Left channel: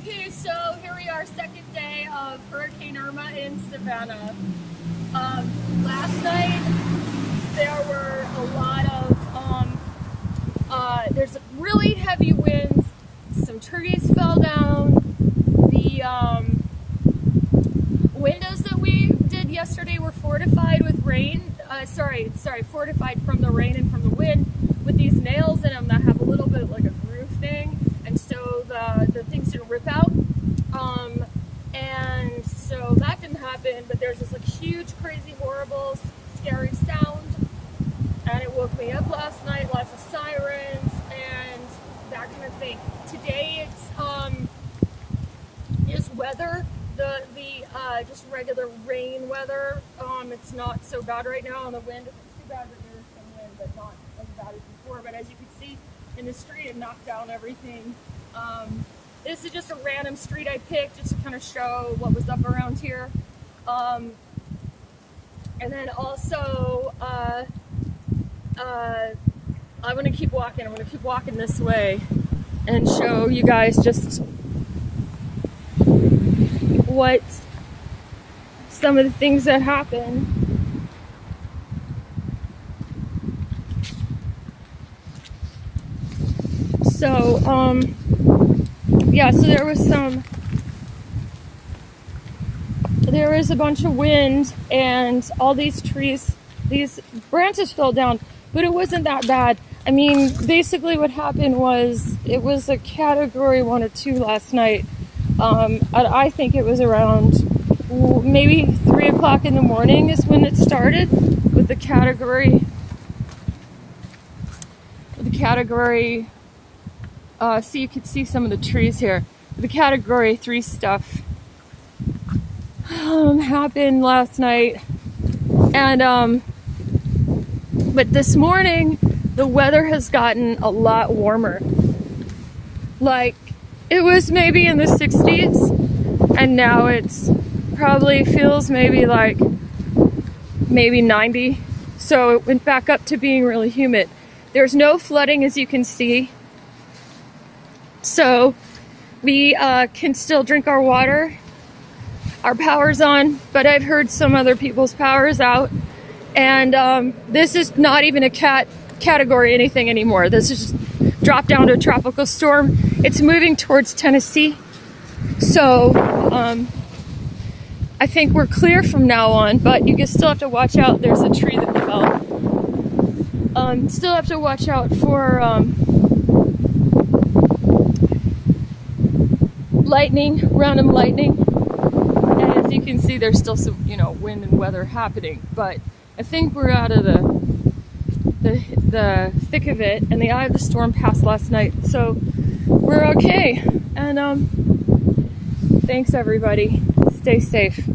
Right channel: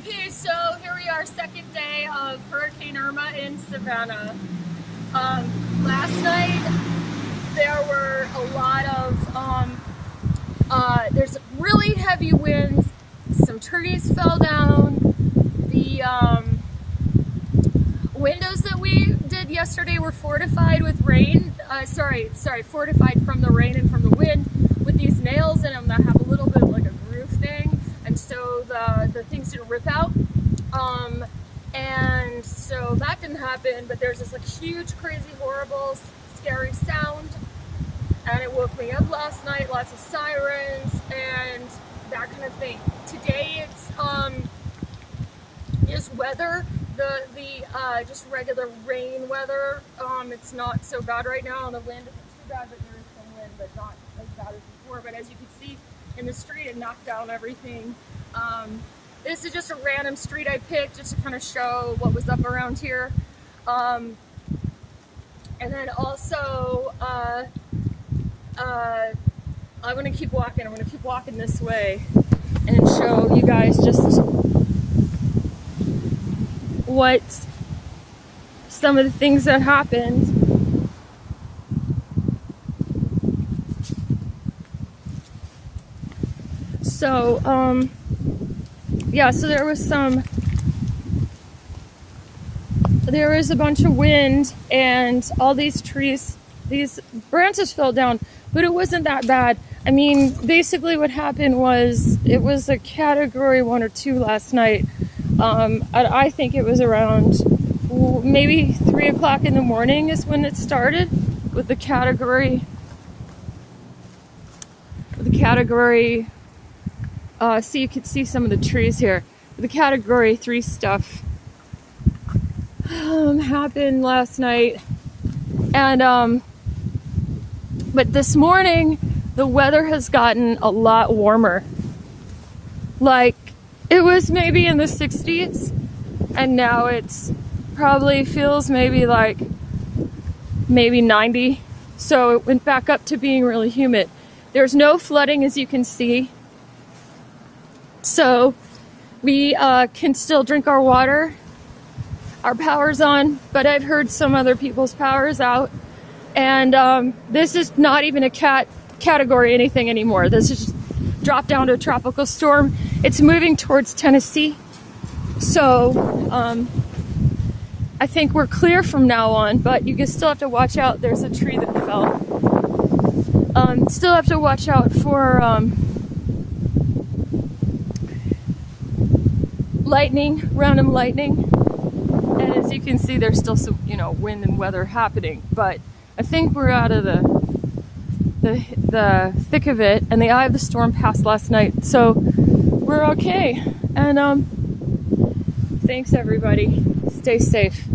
Okay, so here we are, second day of Hurricane Irma in Savannah. Last night there were a lot of, there's really heavy winds, some trees fell down, the windows that we did yesterday were fortified with rain, fortified from the rain and from the wind with these nails in them that have a little bit like a groove thing, and so the things didn't rip out. And so that didn't happen, but there's this like huge, crazy, horrible, scary sound, and it woke me up last night, lots of sirens and that kind of thing. Today it's just weather, just regular rain weather. It's not so bad right now, the wind isn't too bad, but there is some wind, but not as bad as before. But as you can see in the street, it knocked down everything. This is just a random street I picked just to kind of show what was up around here. And then also, I'm gonna keep walking. I'm gonna keep walking this way and show you guys just what some of the things that happened. So, yeah, so there was a bunch of wind and all these trees, these branches fell down, but it wasn't that bad. I mean, basically what happened was it was a category 1 or 2 last night. I think it was around maybe 3 o'clock in the morning is when it started with the category, so you could see some of the trees here. The category 3 stuff happened last night, and but this morning the weather has gotten a lot warmer. Like, it was maybe in the 60s, and now it's probably feels maybe 90. So it went back up to being really humid. There's no flooding, as you can see. So we can still drink our water. Our power's on, but I've heard some other people's power's out. And this is not even a category anything anymore. This is just dropped down to a tropical storm. It's moving towards Tennessee. So I think we're clear from now on, but you can still have to watch out. There's a tree that fell. Still have to watch out for lightning, random lightning. And as you can see, there's still some, wind and weather happening, but I think we're out of the thick of it, and the eye of the storm passed last night, so we're okay. And thanks everybody. Stay safe.